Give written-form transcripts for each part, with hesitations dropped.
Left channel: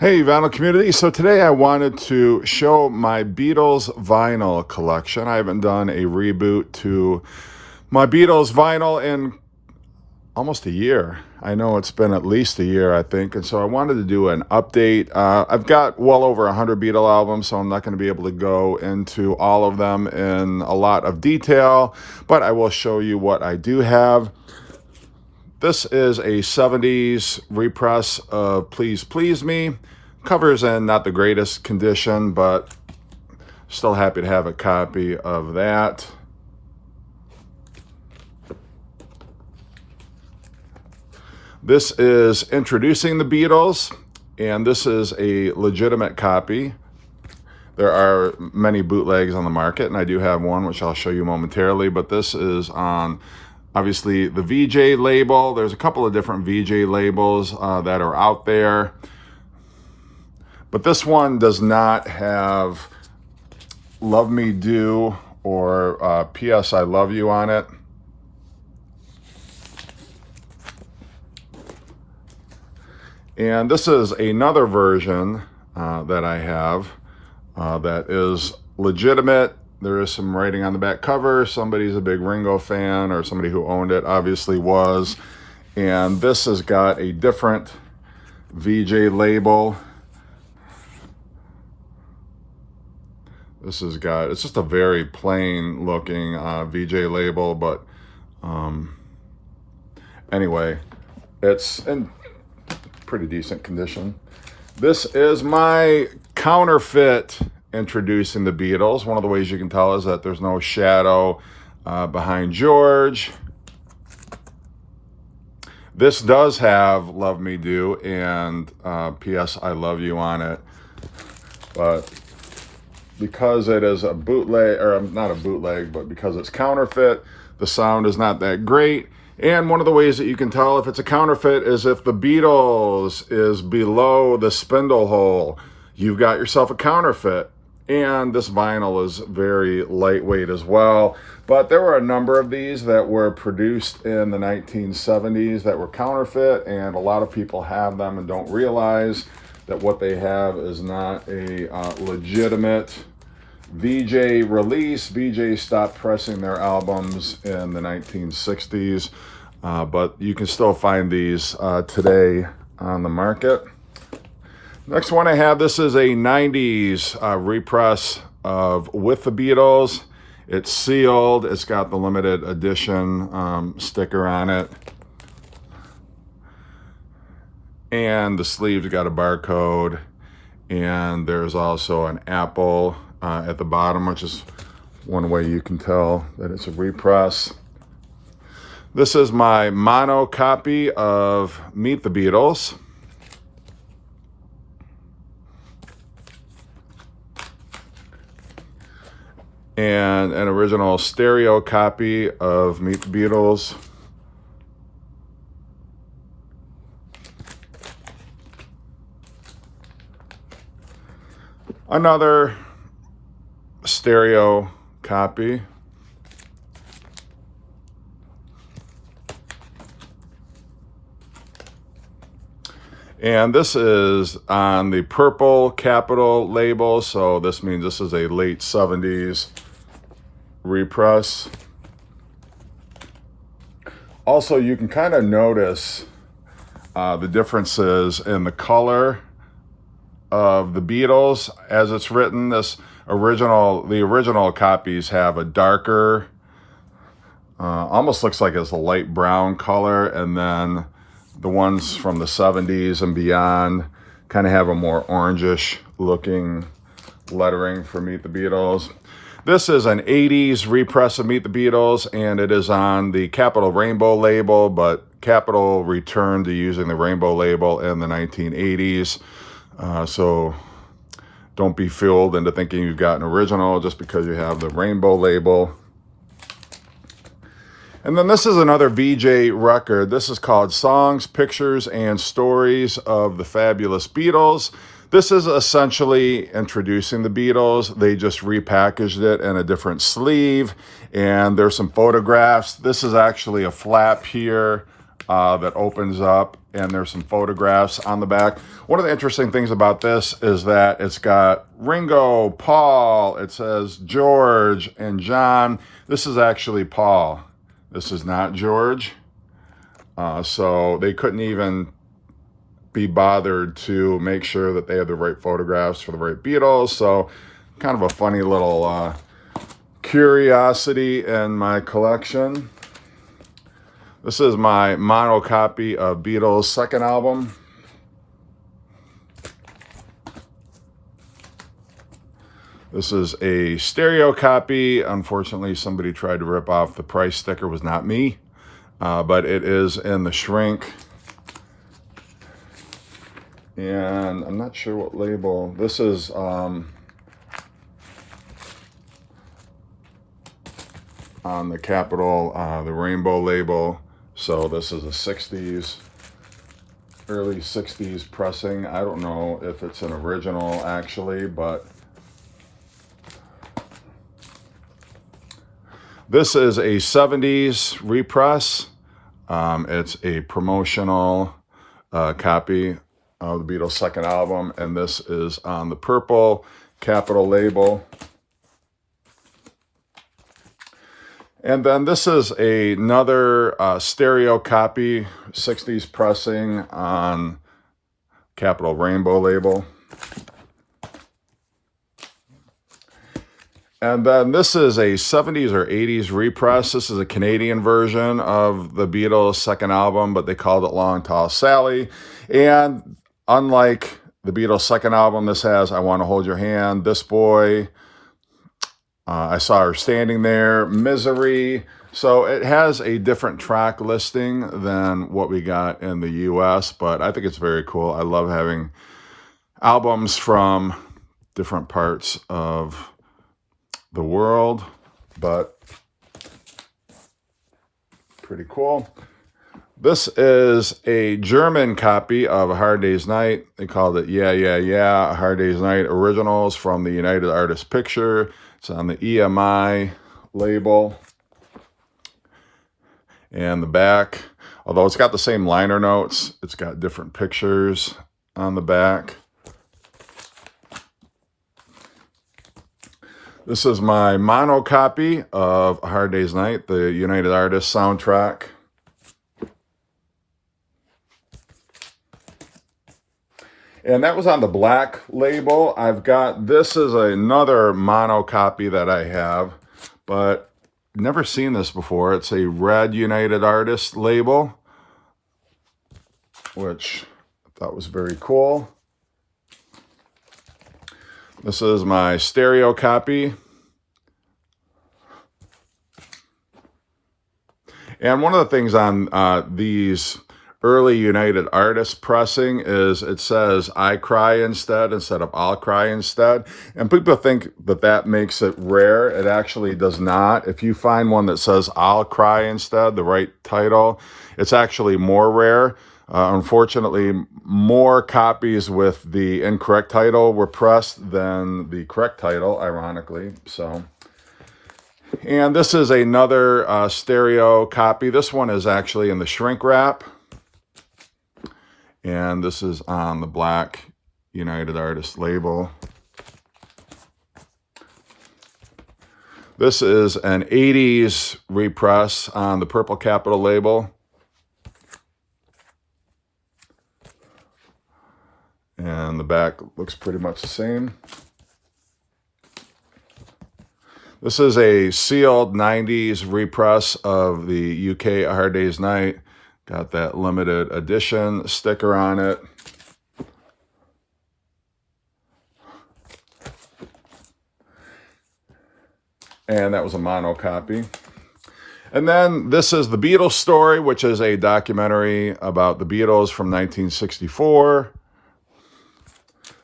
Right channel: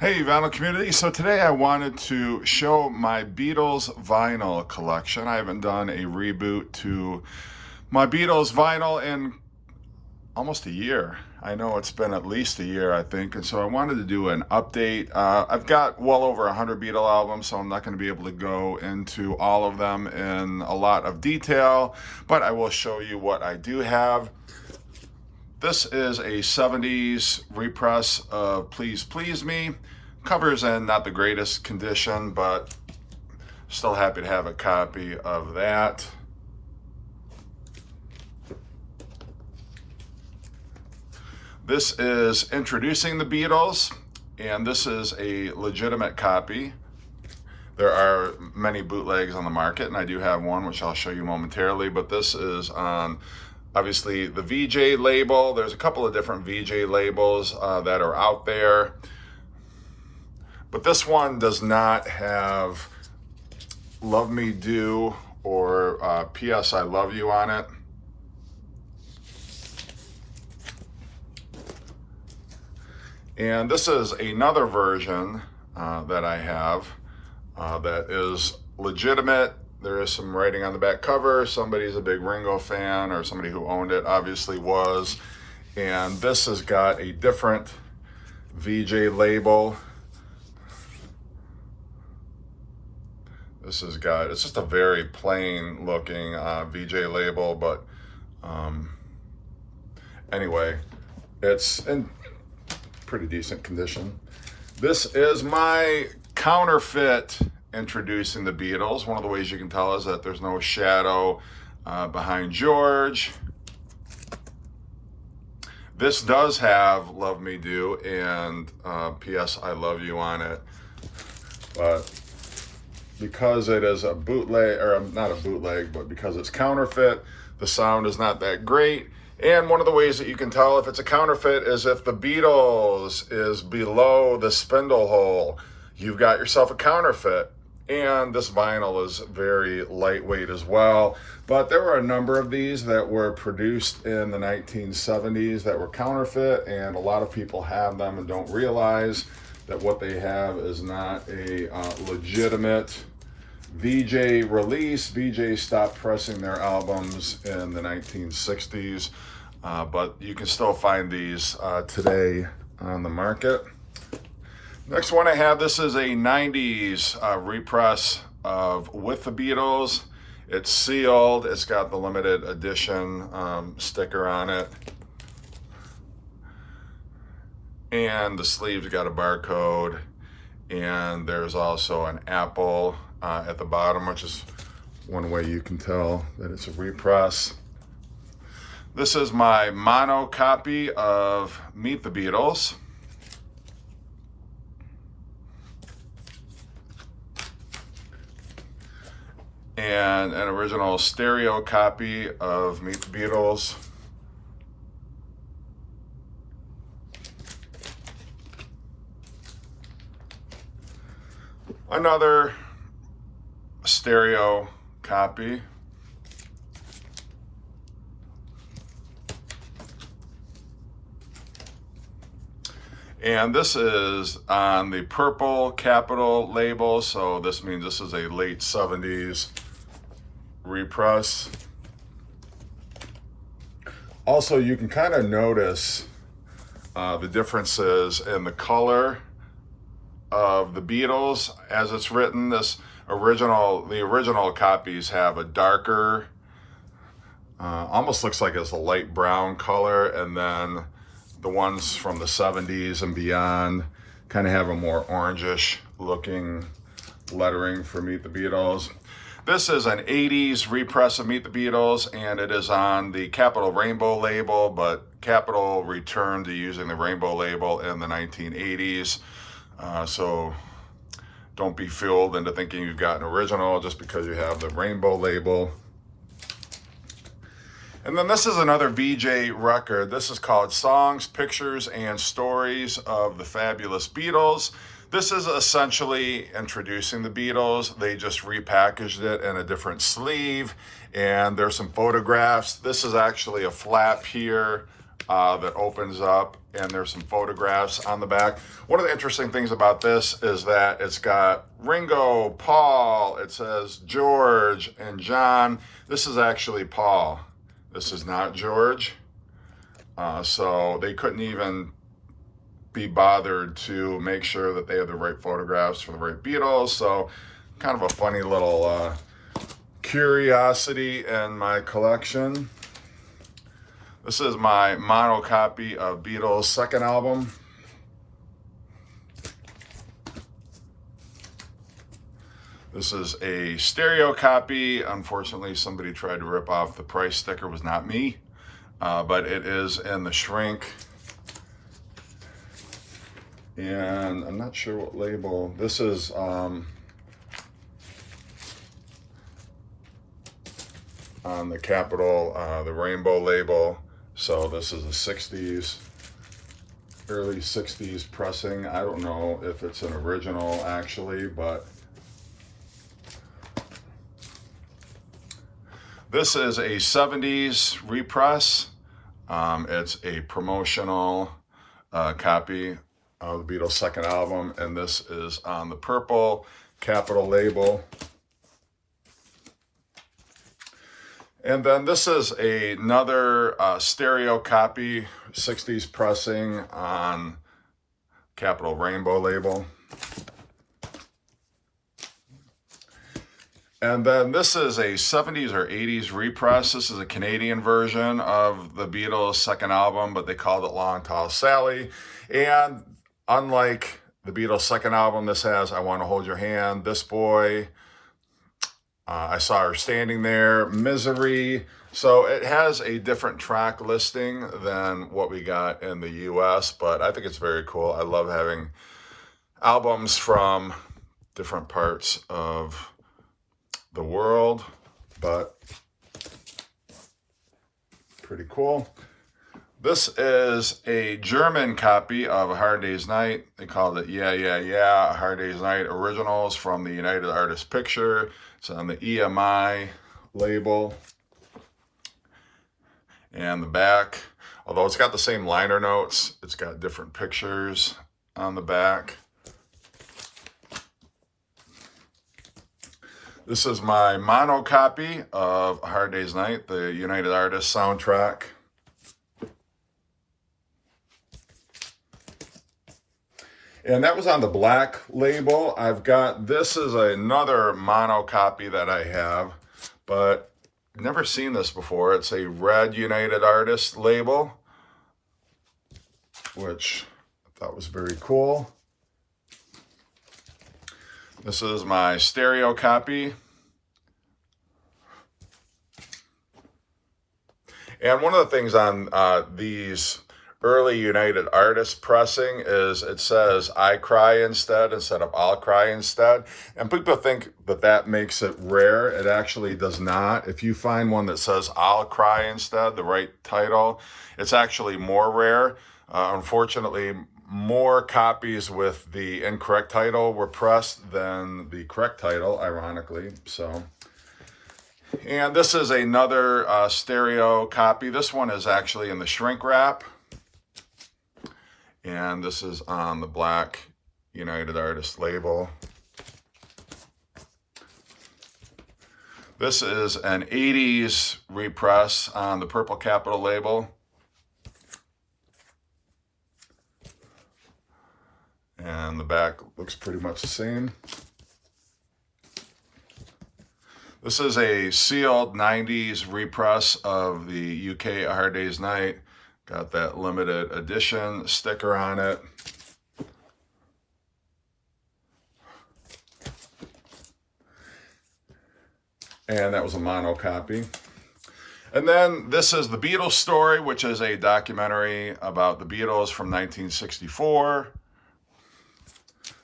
Hey, vinyl community. So today I wanted to show my Beatles vinyl collection. I haven't done a reboot to my Beatles vinyl in almost a year. I know it's been at least a year, I think. And so I wanted to do an update. I've got well over 100 Beatle albums, so I'm not going to be able to go into all of them in a lot of detail, but I will show you what I do have. This is a 70s repress of Please Please Me. Cover's in not the greatest condition, but still happy to have a copy of that. This is Introducing the Beatles, and this is a legitimate copy. There are many bootlegs on the market, and I do have one, which I'll show you momentarily, but this is on obviously the VJ label. There's a couple of different VJ labels that are out there, but this one does not have Love Me Do or P.S. I Love You on it. And this is another version that I have that is legitimate. There is some writing on the back cover. Somebody's a big Ringo fan, or somebody who owned it obviously was. And this has got a different VJ label. This has got, it's just a very plain looking VJ label, but anyway, it's in pretty decent condition. This is my Counterfeit Introducing the Beatles. One of the ways you can tell is that there's no shadow behind George. This does have Love Me Do and P.S. I Love You on it, but because it is a bootleg, or not a bootleg, but because it's counterfeit, the sound is not that great. And one of the ways that you can tell if it's a counterfeit is if the Beatles is below the spindle hole, you've got yourself a counterfeit. And this vinyl is very lightweight as well. But there were a number of these that were produced in the 1970s that were counterfeit, and a lot of people have them and don't realize that what they have is not a legitimate VJ release. VJ stopped pressing their albums in the 1960s, but you can still find these today on the market. Next one I have, this is a 90s repress of With the Beatles. It's sealed. It's got the limited edition sticker on it. And the sleeve's got a barcode. And there's also an apple at the bottom, which is one way you can tell that it's a repress. This is my mono copy of Meet the Beatles. And an original stereo copy of Meet the Beatles. Another stereo copy. And this is on the purple capital label, so this means this is a late 70s repress. Also, you can kind of notice the differences in the color of the Beatles as it's written. The original copies have a darker, almost looks like it's a light brown color, and then the ones from the 70s and beyond kind of have a more orangish looking lettering for Meet the Beatles. This is an 80s repress of Meet the Beatles, and it is on the Capitol Rainbow label, but Capitol returned to using the Rainbow label in the 1980s. So don't be fooled into thinking you've got an original just because you have the Rainbow label. And then this is another VJ record. This is called Songs, Pictures, and Stories of the Fabulous Beatles. This is essentially Introducing the Beatles. They just repackaged it in a different sleeve, and there's some photographs. This is actually a flap here that opens up, and there's some photographs on the back. One of the interesting things about this is that it's got Ringo, Paul, it says George and John. This is actually Paul. This is not George. So they couldn't even be bothered to make sure that they had the right photographs for the right Beatles. So kind of a funny little curiosity in my collection. This is my mono copy of Beatles' second album. This is a stereo copy. Unfortunately, somebody tried to rip off the price sticker. It was not me, but it is in the shrink. And I'm not sure what label. This is on the Capitol, the rainbow label. So this is a 60s, early 60s pressing. I don't know if it's an original actually, but this is a 70s repress. It's a promotional copy of the Beatles' second album, and this is on the purple Capitol label. And then this is another stereo copy, 60s pressing on Capitol rainbow label. And then this is a 70s or 80s repress. This is a Canadian version of the Beatles' second album, but they called it Long Tall Sally. And unlike the Beatles' second album, this has I Want to Hold Your Hand, This Boy, I Saw Her Standing There, Misery. So it has a different track listing than what we got in the US, but I think it's very cool. I love having albums from different parts of the world, but pretty cool. This is a German copy of A Hard Day's Night. They called it Yeah, Yeah, Yeah, A Hard Day's Night Originals from the United Artists Picture. It's on the EMI label. And the back, although it's got the same liner notes, it's got different pictures on the back. This is my mono copy of A Hard Day's Night, the United Artists soundtrack. And that was on the black label. This is another mono copy that I have, but I've never seen this before. It's a red United Artists label, which I thought was very cool. This is my stereo copy. And one of the things on these early United Artists pressing is it says I cry instead of I'll cry instead. And people think that that makes it rare. It actually does not. If you find one that says I'll cry instead, the right title, it's actually more rare. Unfortunately, more copies with the incorrect title were pressed than the correct title, ironically. So, and this is another stereo copy. This one is actually in the shrink wrap. And this is on the black United Artists label. This is an 80s repress on the purple Capitol label. And the back looks pretty much the same. This is a sealed 90s repress of the UK A Hard Day's Night. Got that limited edition sticker on it. And that was a mono copy. And then this is The Beatles Story, which is a documentary about the Beatles from 1964.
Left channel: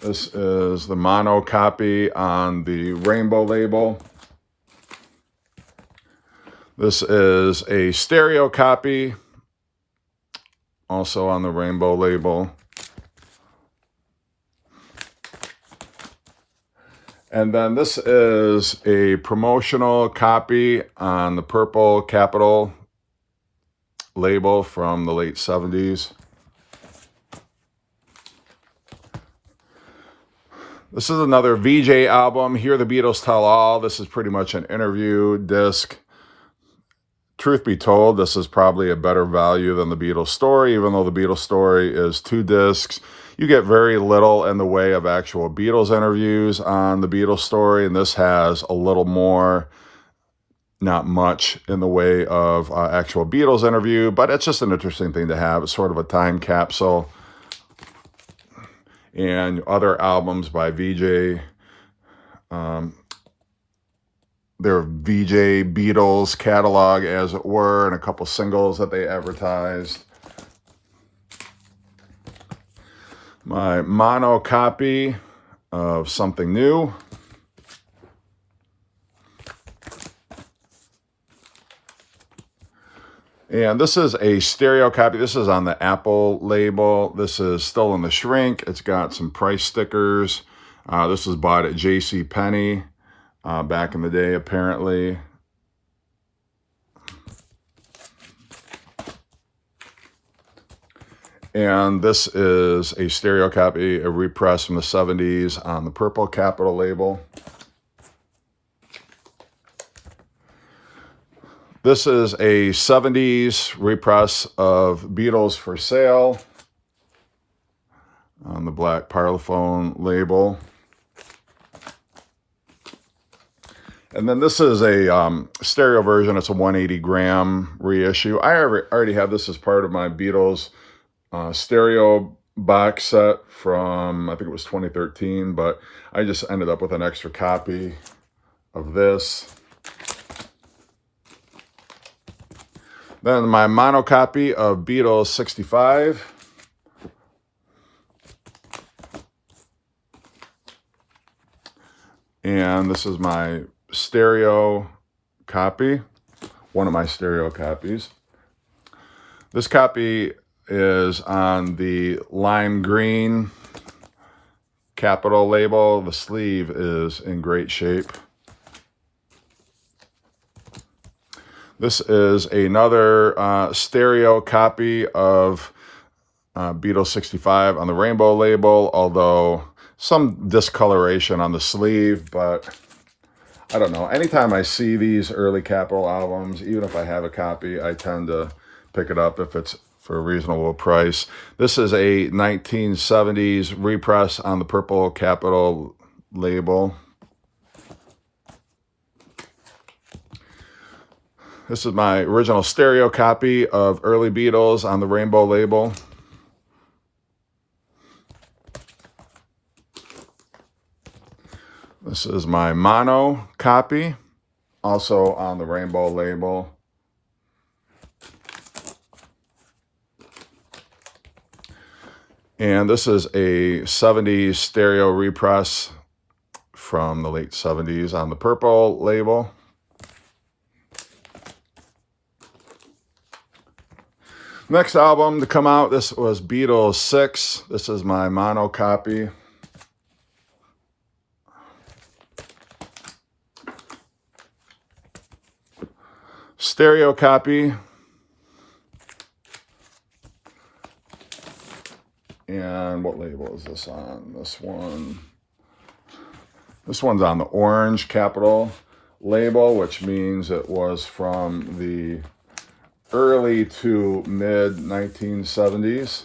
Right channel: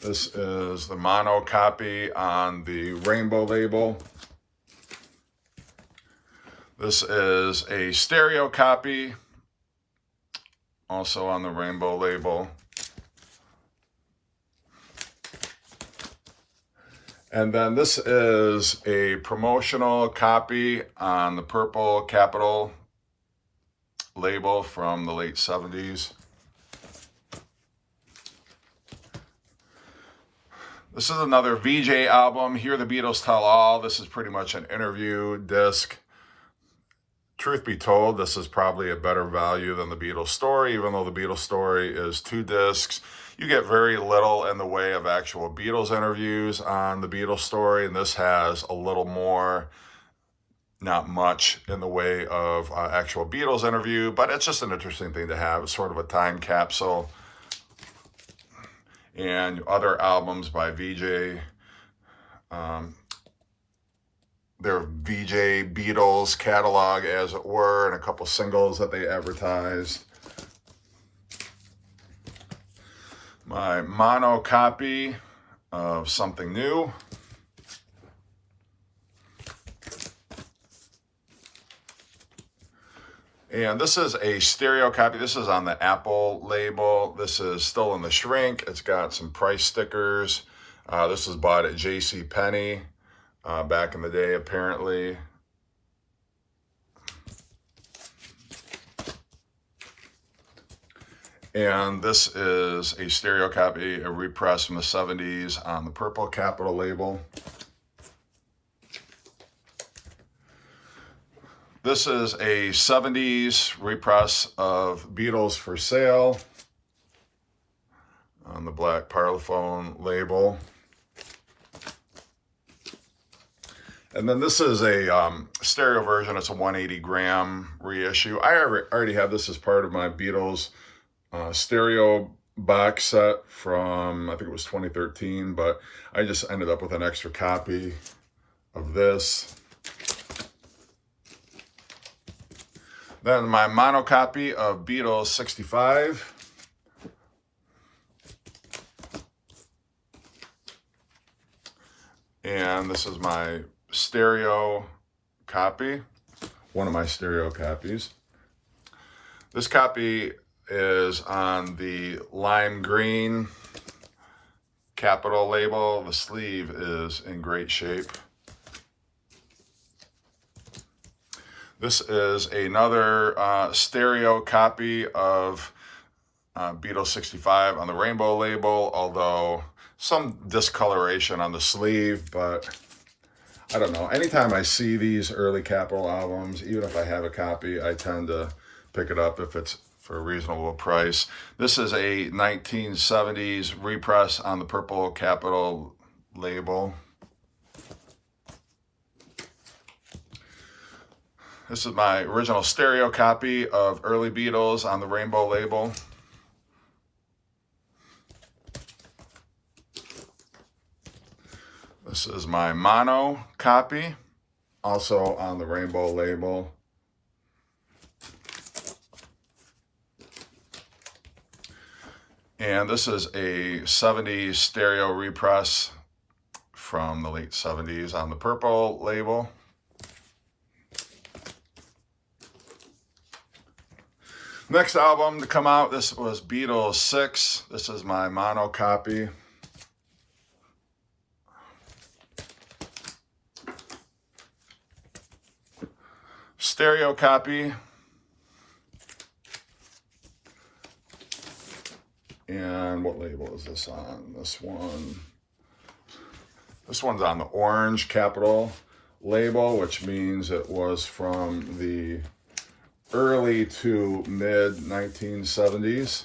This is the mono copy on the rainbow label. This is a stereo copy, also on the rainbow label. And then this is a promotional copy on the purple Capitol label from the late 70s. This is another VJ album, Hear the Beatles Tell All. This is pretty much an interview disc. Truth be told, this is probably a better value than the Beatles Story, even though the Beatles Story is 2 discs. You get very little in the way of actual Beatles interviews on the Beatles Story, and this has a little more, not much in the way of actual Beatles interview, but it's just an interesting thing to have. It's sort of a time capsule. And other albums by VJ, their VJ Beatles catalog, as it were, and a couple singles that they advertised. My mono copy of Something New. And this is a stereo copy. This is on the Apple label. This is still in the shrink. It's got some price stickers. This was bought at JCPenney back in the day, apparently. And this is a stereo copy, a repress from the 70s on the purple Capitol label. This is a 70s repress of Beatles for Sale on the black Parlophone label. And then this is a stereo version. It's a 180 gram reissue. I already have this as part of my Beatles stereo box set from, I think it was 2013, but I just ended up with an extra copy of this. Then my mono copy of Beatles 65. And this is my stereo copy, one of my stereo copies. This copy is on the lime green Capitol label. The sleeve is in great shape. This is another stereo copy of Beatles 65 on the rainbow label, although some discoloration on the sleeve, but I don't know. Anytime I see these early Capitol albums, even if I have a copy, I tend to pick it up if it's for a reasonable price. This is a 1970s repress on the purple Capitol label. This is my original stereo copy of early Beatles on the rainbow label. This is my mono copy, also on the rainbow label. And this is a 70s stereo repress from the late 70s on the purple label. Next album to come out, this was Beatles VI. This is my mono copy. Stereo copy. And what label is this on? This one's on the orange Capitol label, which means it was from the early to mid 1970s.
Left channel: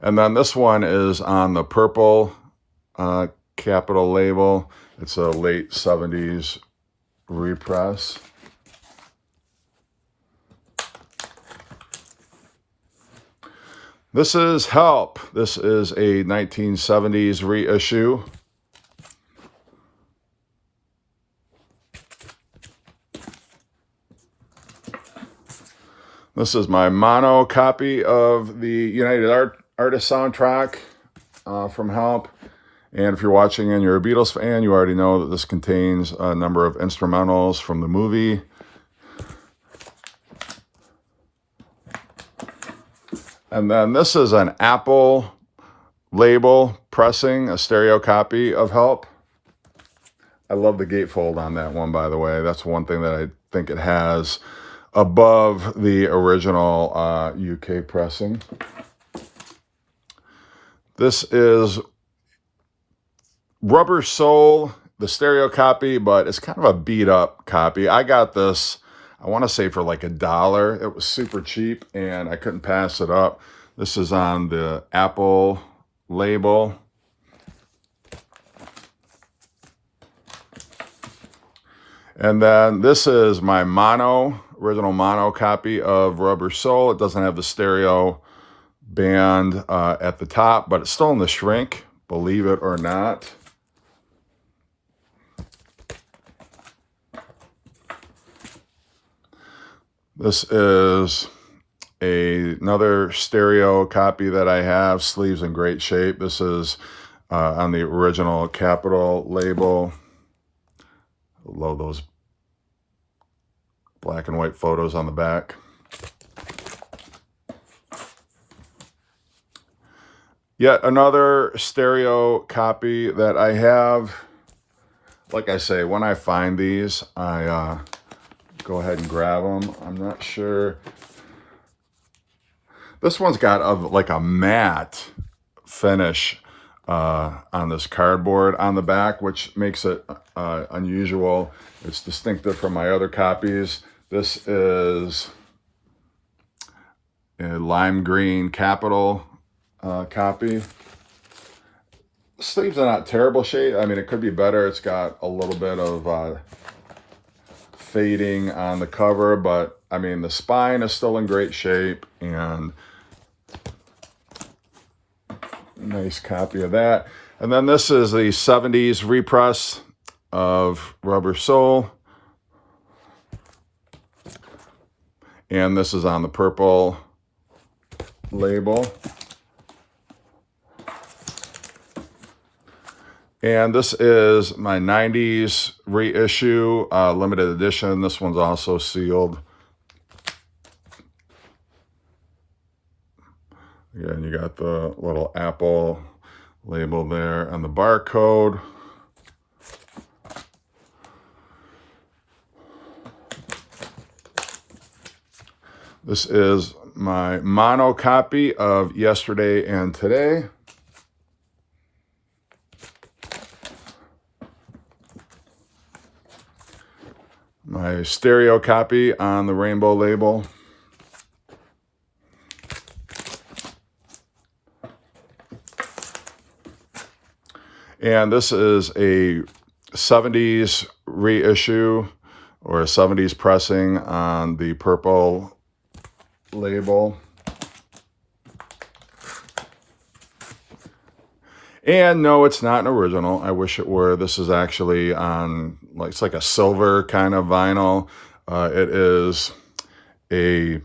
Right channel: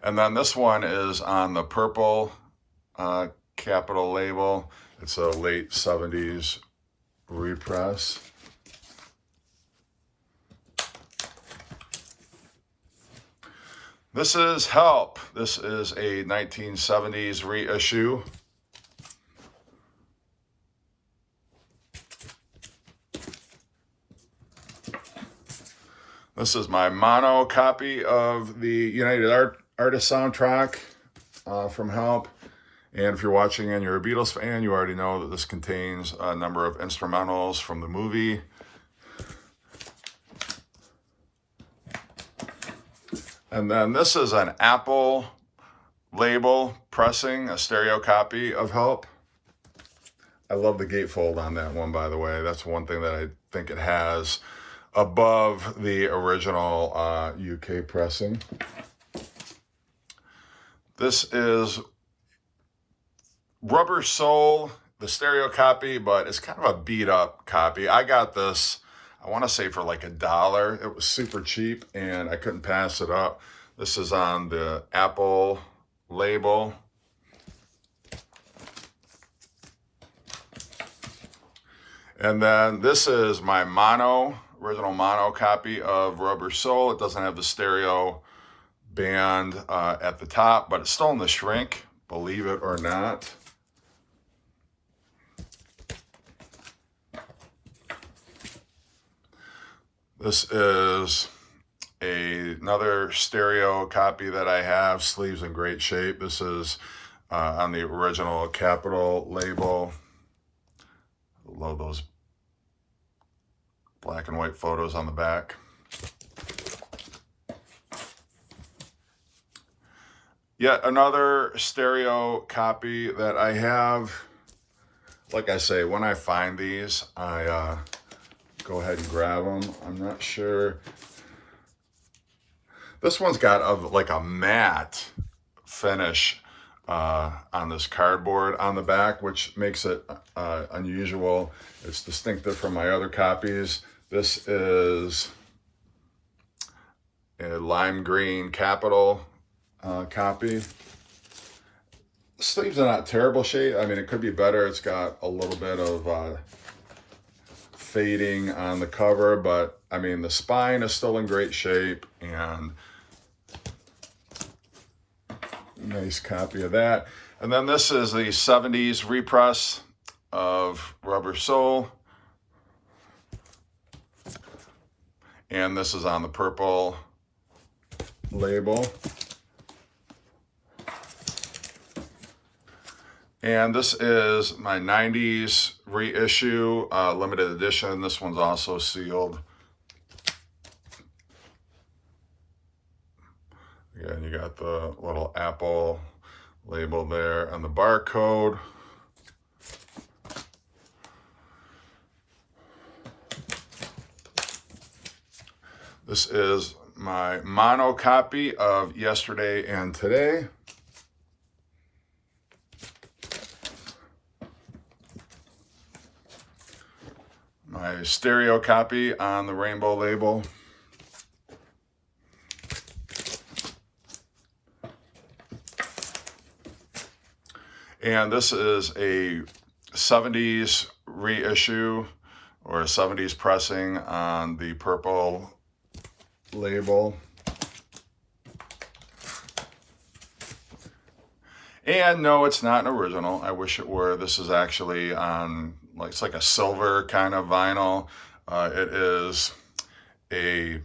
And then this one is on the purple Capitol label. It's a late 70s repress. This is Help. This is a 1970s reissue. This is my mono copy of the United Artists soundtrack from Help. And if you're watching and you're a Beatles fan, you already know that this contains a number of instrumentals from the movie. And then this is an Apple label pressing, a stereo copy of Help. I love the gatefold on that one, by the way. That's one thing that I think it has above the original UK pressing. This is Rubber Soul, the stereo copy, but it's kind of a beat up copy. I got this, I want to say for like $1. It was super cheap and I couldn't pass it up. This is on the Apple label. And then this is my original mono copy of Rubber Soul. It doesn't have the stereo band at the top, but it's still in the shrink, believe it or not. This is another stereo copy that I have, sleeves in great shape. This is on the original Capitol label. Love those black and white photos on the back. Yet another stereo copy that I have. Like I say, when I find these, I go ahead and grab them. I'm not sure. This one's got like a matte finish on this cardboard on the back, which makes it unusual. It's distinctive from my other copies. This is a lime green Capitol copy. The sleeves are not terrible shape. I mean, it could be better. It's got a little bit of fading on the cover, but I mean, the spine is still in great shape, and a nice copy of that. And then this is the 70s repress of Rubber Soul. And this is on the purple label. And this is my 90s reissue, limited edition. This one's also sealed. Again, you got the little Apple label there and the barcode. This is my mono copy of Yesterday and Today. My stereo copy on the rainbow label. And this is a 70s reissue or a 70s pressing on the purple label. And no, it's not an original. I wish it were. This is actually on, like, it's like a silver kind of vinyl. It is a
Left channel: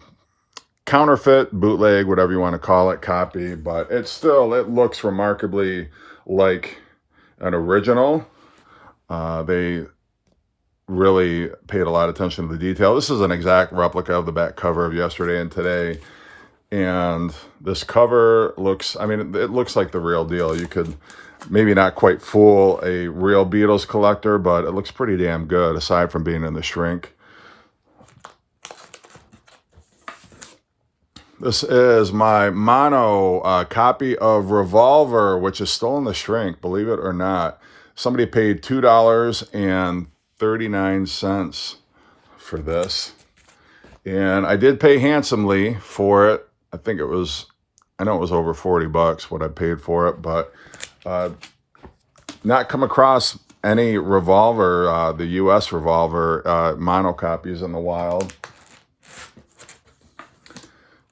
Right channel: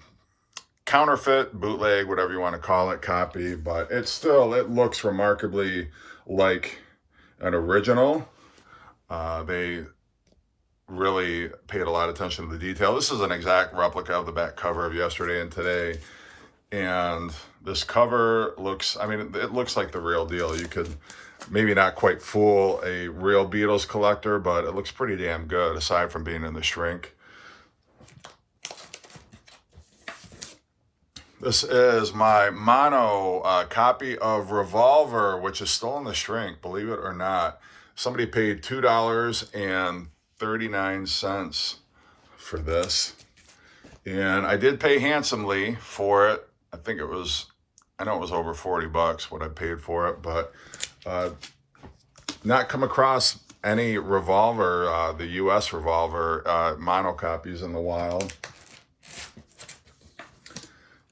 counterfeit, bootleg, whatever you want to call it, copy, but it looks remarkably like an original. They really paid a lot of attention to the detail. This is an exact replica of the back cover of Yesterday and Today. And this cover looks, I mean, it looks like the real deal. You could maybe not quite fool a real Beatles collector, but it looks pretty damn good, aside from being in the shrink. This is my mono copy of Revolver, which is still in the shrink, believe it or not. Somebody paid $2.39 for this. And I did pay handsomely for it. I know it was over 40 bucks what I paid for it, but not come across any Revolver, the US Revolver mono copies in the wild.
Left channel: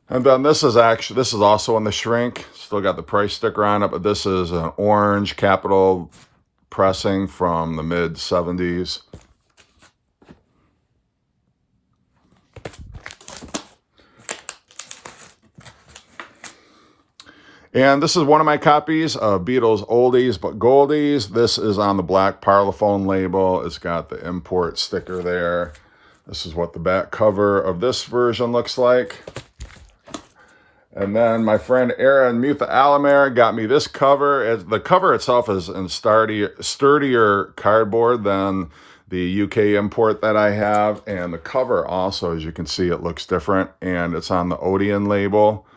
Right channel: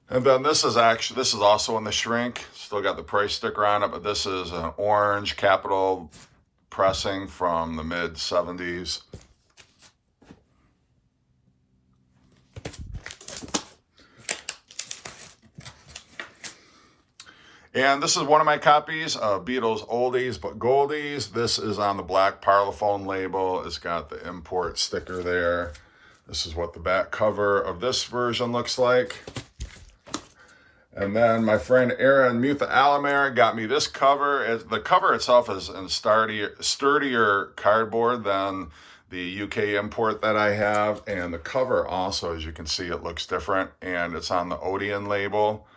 And then this is also in the shrink. Still got the price sticker on it, but this is an orange Capitol pressing from the mid-70s. And this is one of my copies of Beatles Oldies but Goldies. This is on the black Parlophone label. It's got the import sticker there. This is what the back cover of this version looks like. And then my friend Aaron Mutha Alamer got me this cover. The cover itself is in sturdier cardboard than the UK import that I have. And the cover also, as you can see, it looks different. And it's on the Odeon label.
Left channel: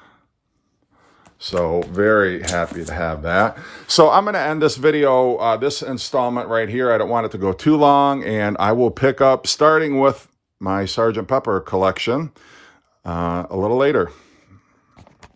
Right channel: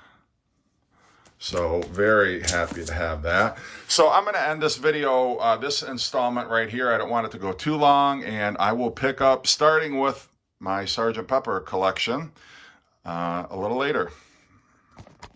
So very happy to have that. So I'm going to end this video, this installment right here. I don't want it to go too long, and I will pick up starting with my Sgt. Pepper collection a little later.